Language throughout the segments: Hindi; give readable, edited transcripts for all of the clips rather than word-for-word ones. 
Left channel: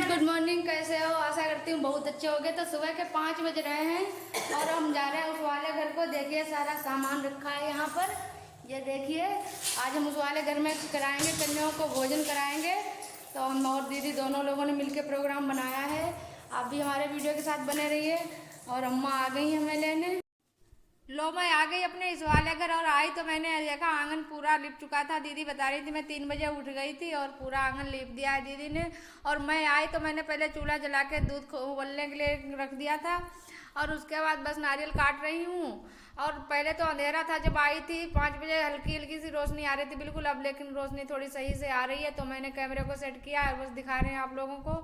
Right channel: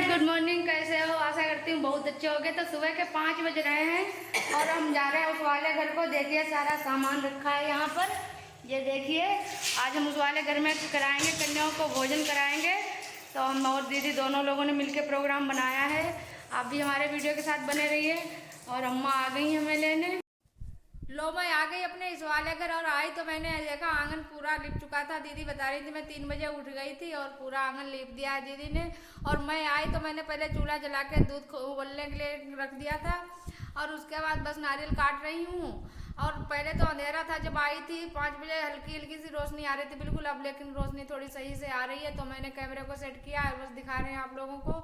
Friends, good morning. कैसे हो? आशा करती हूँ बहुत अच्छे होंगे। तो सुबह के 5 बज रहे हैं और हम जा रहे हैं उस वाले घर को। देखिए सारा सामान रखा है यहाँ पर, ये देखिए। आज हम उस वाले घर में कराएंगे, कन्याओं को भोजन कराएंगे। तो हम और दीदी दोनों लोगों ने मिलकर प्रोग्राम बनाया है। आप भी हमारे वीडियो के साथ बने रहिए। और अम्मा आ गई हमें लेने। लो, मैं आ गई अपने इस वाले घर और आई तो मैंने देखा आंगन पूरा लिप चुका था। दीदी बता रही थी मैं 3 बजे उठ गई थी और पूरा आंगन लिप दिया है दीदी ने। और मैं आई तो मैंने पहले चूल्हा जला के दूध उबलने के लिए रख दिया था और उसके बाद बस नारियल काट रही हूँ। और पहले तो अंधेरा था जब आई थी 5 बजे, हल्की हल्की सी रोशनी आ रही थी बिल्कुल। अब लेकिन रोशनी थोड़ी सही से आ रही है तो मैंने कैमरे को सेट किया है, बस दिखा रहे हैं आप लोगों को।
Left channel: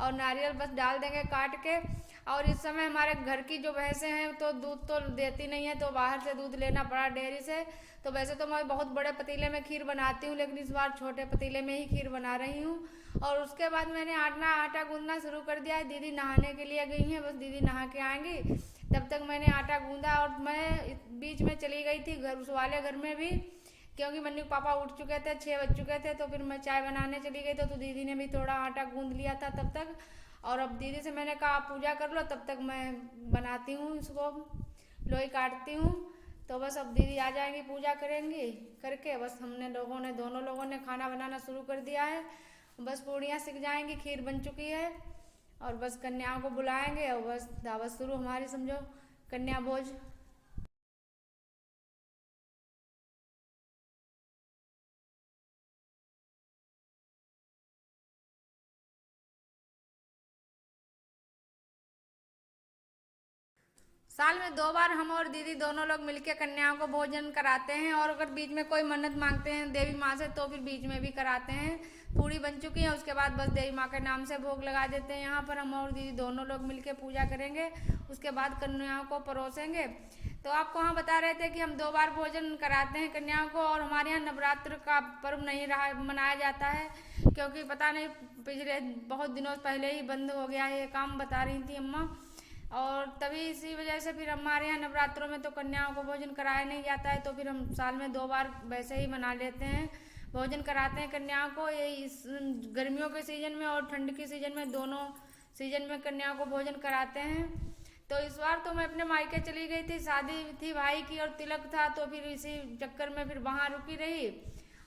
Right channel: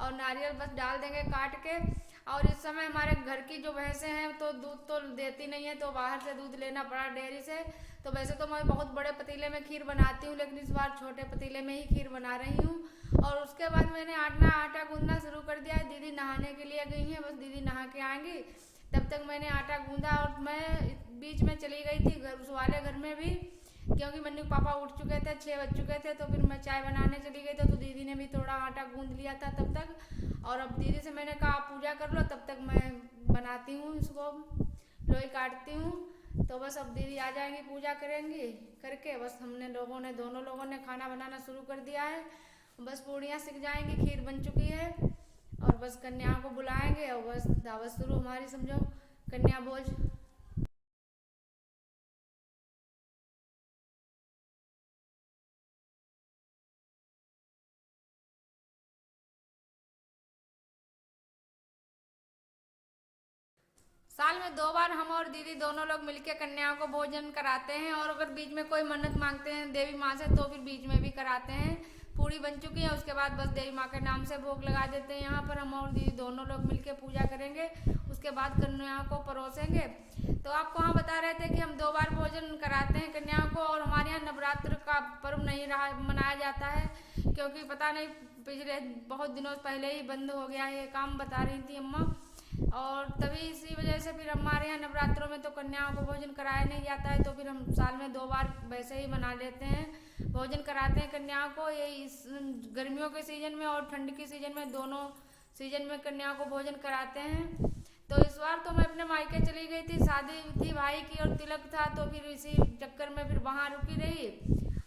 और नारियल बस डाल देंगे काट के। और इस समय हमारे घर की जो भैंसें हैं तो दूध तो देती नहीं है, तो बाहर से दूध लेना पड़ा डेयरी से। तो वैसे तो मैं बहुत बड़े पतीले में खीर बनाती हूँ, लेकिन इस बार छोटे पतीले में ही खीर बना रही हूँ। और उसके बाद मैंने आटा गूंदना शुरू कर दिया है। दीदी नहाने के लिए गई हैं, बस दीदी नहा के आएंगी तब तक मैंने आटा गूंदा। और मैं बीच में चली गई थी घर उस वाले घर में भी, क्योंकि मन्नू पापा उठ चुके थे, 6 बज चुके थे। तो फिर मैं चाय बनाने चली गई तो दीदी ने भी थोड़ा आटा गूंद लिया था तब तक। और अब दीदी से मैंने कहा आप पूजा कर लो, तब तक मैं बनाती हूँ इसको, लोई काटती हूँ। तो बस अब दीदी आ जाएंगी, पूजा करेंगी, करके बस हमने दोनों लोगों ने खाना बनाना शुरू कर दिया है। बस पूड़ियाँ सिक जाएंगी, खीर बन चुकी है और बस कन्याओं को बुलाएंगे और बस दावत शुरू हमारी, समझो कन्या भोज। साल में 2 बार हम और दीदी दोनों लोग मिलकर कन्याओं को भोजन कराते हैं। और अगर बीच में कोई मन्नत मांगते हैं देवी माँ से तो फिर बीच में भी कराते हैं। पूरी बन चुकी है, उसके बाद बस देवी माँ के नाम से भोग लगा देते हैं। यहाँ पर हम और दीदी दोनों लोग मिलकर पूजा करेंगे, उसके बाद कन्याओं को परोसेंगे। तो आपको हाँ बता रहे थे कि हम 2 बार भोजन कराते हैं कन्याओं को। और हमारे यहाँ नवरात्र का पर्व नहीं रहा मनाया जाता है, क्योंकि पता नहीं पिछले बहुत दिनों पहले ही बंद हो गया है ये काम, बता रही थी अम्मा। और तभी इसी वजह से फिर हमारे यहाँ नवरात्रों में तो कन्याओं को भोजन कराया नहीं जाता है। तो फिर हम साल में 2 बार वैसे ही मना लेते हैं, भोजन कराते हैं कन्याओं को। ये इस गर्मियों के सीजन में और ठंड के सीजन में, दोनों सीजन में कन्याओं को भोजन कराते हैं। तो इस बार तो मैं अपने मायके चली गई थी, शादी थी भाई की और तिलक था, तो फिर इसी चक्कर में फिर वहाँ रुकी रही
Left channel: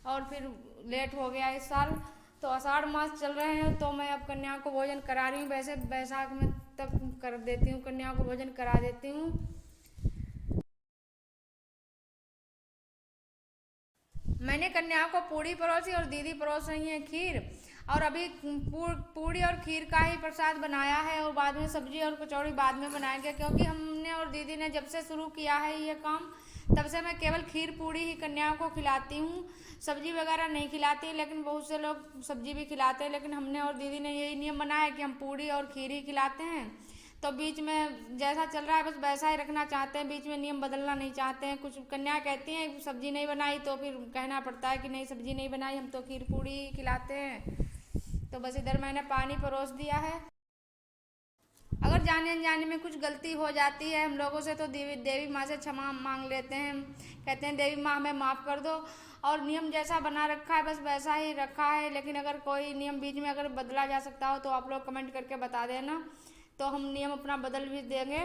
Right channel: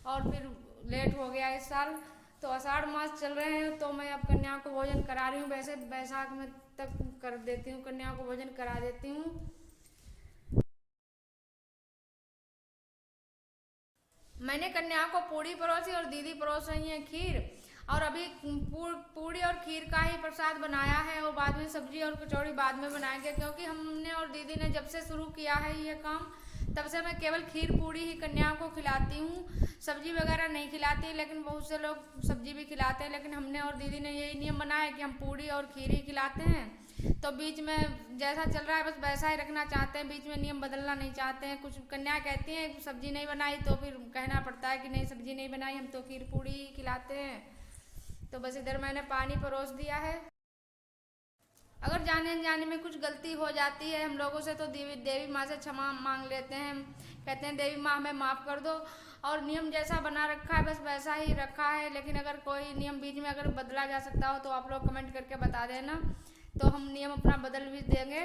और फिर लेट हो गया इस साल। तो आषाढ़ मास चल रहे हैं तो मैं अब कन्याओं को भोजन करा रही हूँ। वैसे बैसाख में तक कर देती हूँ, कन्याओं को भोजन करा देती हूँ। मैंने कन्याओं को पूड़ी परोसी और दीदी परोस रही हैं खीर। और अभी पूड़ी और खीर का ही प्रसाद बनाया है और बाद में सब्जी और कचौड़ी बाद में बनाएंगे, क्योंकि हमने और दीदी ने जब से शुरू किया है ये काम तब से मैं केवल खीर पूड़ी ही कन्याओं को खिलाती हूँ, सब्जी वगैरह नहीं खिलाती। लेकिन बहुत से लोग सब्जी भी खिलाते हैं, लेकिन हमने और दीदी ने यही नियम बनाया है कि हम पूड़ी और खीर ही खिलाते हैं। तो बीच में जैसा चल रहा है बस वैसा ही रखना चाहते हैं, बीच में नियम बदलना नहीं चाहते हैं। कुछ कन्या कहती हैं सब्जी नहीं बनाई तो फिर कहना पड़ता है कि नहीं सब्जी नहीं बनाई, हम तो खीर पूड़ी ही खिलाते हैं। तो बस इधर मैंने पानी परोस दिया है। अगर जाने अनजाने में कुछ गलती हो जाती है हम लोगों से तो देवी माँ से क्षमा मांग लेते हैं। कहते हैं देवी माँ हमें माफ़ कर दो। और नियम जैसा बना रखा है बस वैसा ही रखा है, लेकिन अगर कोई नियम बीच में अगर बदला जा सकता हो तो आप लोग कमेंट करके बता देना, तो हम नियम अपना बदल भी देंगे।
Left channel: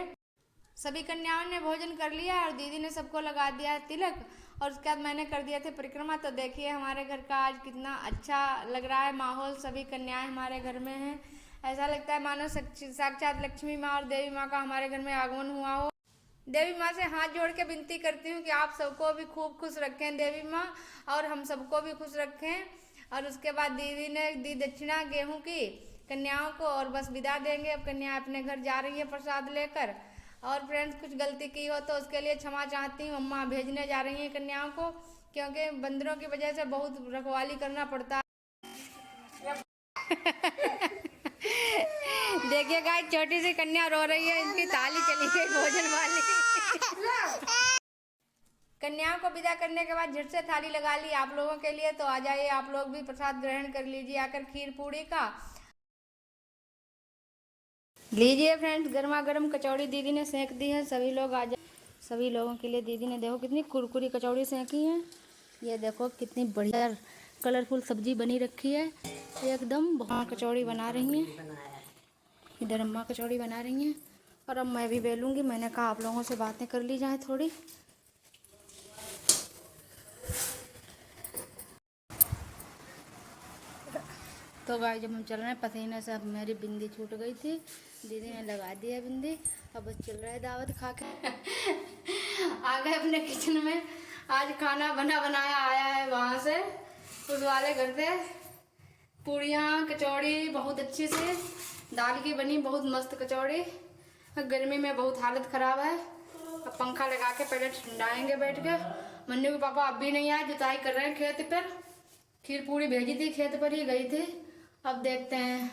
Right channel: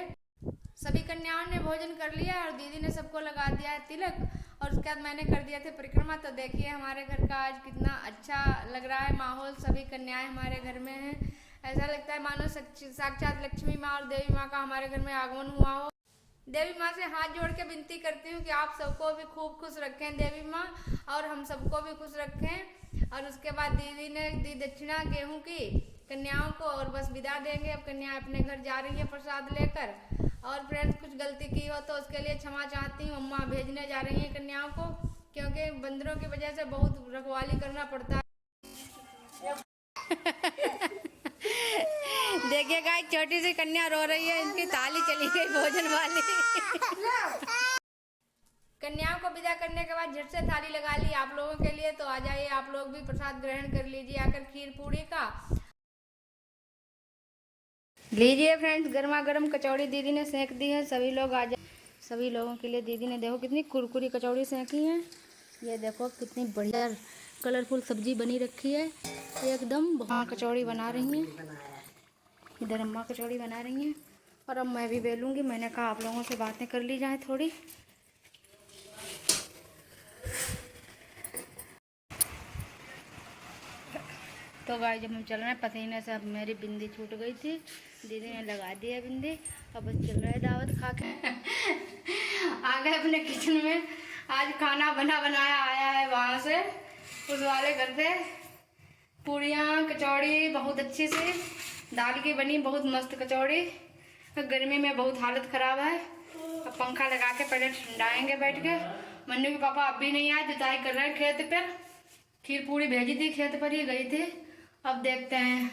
सभी कन्याओं ने भोजन कर लिया और दीदी ने सबको लगा दिया है तिलक। और उसके बाद मैंने कर दिया था परिक्रमा। तो देखिए हमारे घर का आज कितना अच्छा लग रहा है माहौल, सभी कन्याएं हमारे घर में हैं। ऐसा लगता है मानो साक्षात लक्ष्मी माँ और देवी माँ का हमारे घर में आगमन हुआ हो। देवी माँ से हाथ जोड़ के विनती करती हूँ कि आप सबको भी खूब खुश रखें देवी माँ, और हम सबको भी खुश रखें। और उसके बाद दीदी ने दी दक्षिणा गेहूं की कन्याओं को और बस विदा देंगे। अब कन्या अपने घर जा रही है प्रसाद लेकर। और फ्रेंड्स कुछ गलती की हो तो उसके लिए क्षमा चाहती हूँ। अम्मा भेजने जा रही हैं कन्याओं को, क्योंकि बंदरों की वजह से बहुत रखवाली करना पड़ता है। देखिए गाइस, छोटी सी कन्या रो रही है, इनकी थाली चली गई भोजन वाली। कन्याओं को विदा करने के बाद झट से थाली लगा ली आप लोगों के लिए। तो आ जाइए आप लोग भी प्रसाद ग्रहण कर लीजिए आकर खीर पूड़ी का। लीजिए फ्रेंड्स, गर्मा गर्म कचौड़ी दीदी ने सेंक दी है, सभी लोग आ जाए। सभी लोगों के लिए दीदी ने देखो कितनी कुरकुरी कचौड़ी सेंकी है। ये देखो कितनी बढ़िया कलरफुल सब्जी बनी रखी है एकदम। वहाँ कचौड़ी बना रही हूँ, इधर अम्मा कचौड़ी बना रही हैं और अब मैं भी बेलूँगी। मैंने कहा आप लोगों से बातें कर ली जाए थोड़ी। तो गाइस जब हम चल रहे हैं, पसीने से अब मेरी बिंदी छूट गई थी, दीदी ने लगा दी है बिंदी। अब बस चल रहा है दावत खा के। आ गए अपने किचन में। आज खाना बनाया आया है वहाँ से, उस वाले घर से। पूड़ियाँ कचौड़ी बहुत अच्छी से दाल की बनी, बहुत मस्त कचौड़ी। गर्मी में बहुत हालत ख़राब है। अब पंखा लगा के पहले ठंडाएंगे बैठ के। मन्नू के पापा अब भी नहीं आए, जुताई कर रहे हैं खेत पर। खीर पूड़ी भेजी थी, खेत पर ही गई थी। अब देखते हैं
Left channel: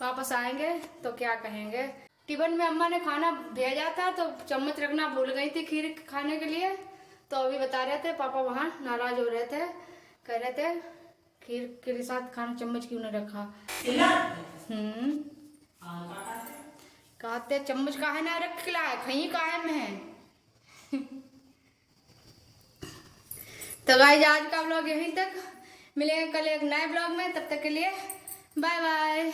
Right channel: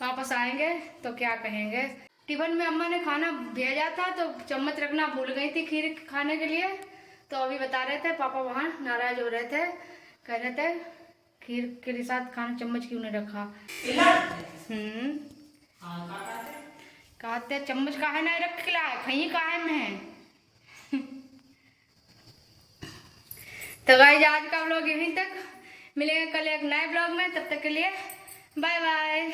वापस आएंगे तो क्या कहेंगे। टिफिन में अम्मा ने खाना भेजा था तो चम्मच रखना भूल गई थी खीर खाने के लिए। तो अभी बता रहे थे पापा वहाँ नाराज हो रहे थे, कह रहे थे खीर के साथ खाना चम्मच क्यों नहीं रखा। कहते चम्मच काहे ना रख खिला है, खई काहे में है। तो गाइस आज का व्लॉग यहीं तक, मिलेंगे कल एक नए ब्लॉग में। तब तक के लिए बाय बाय।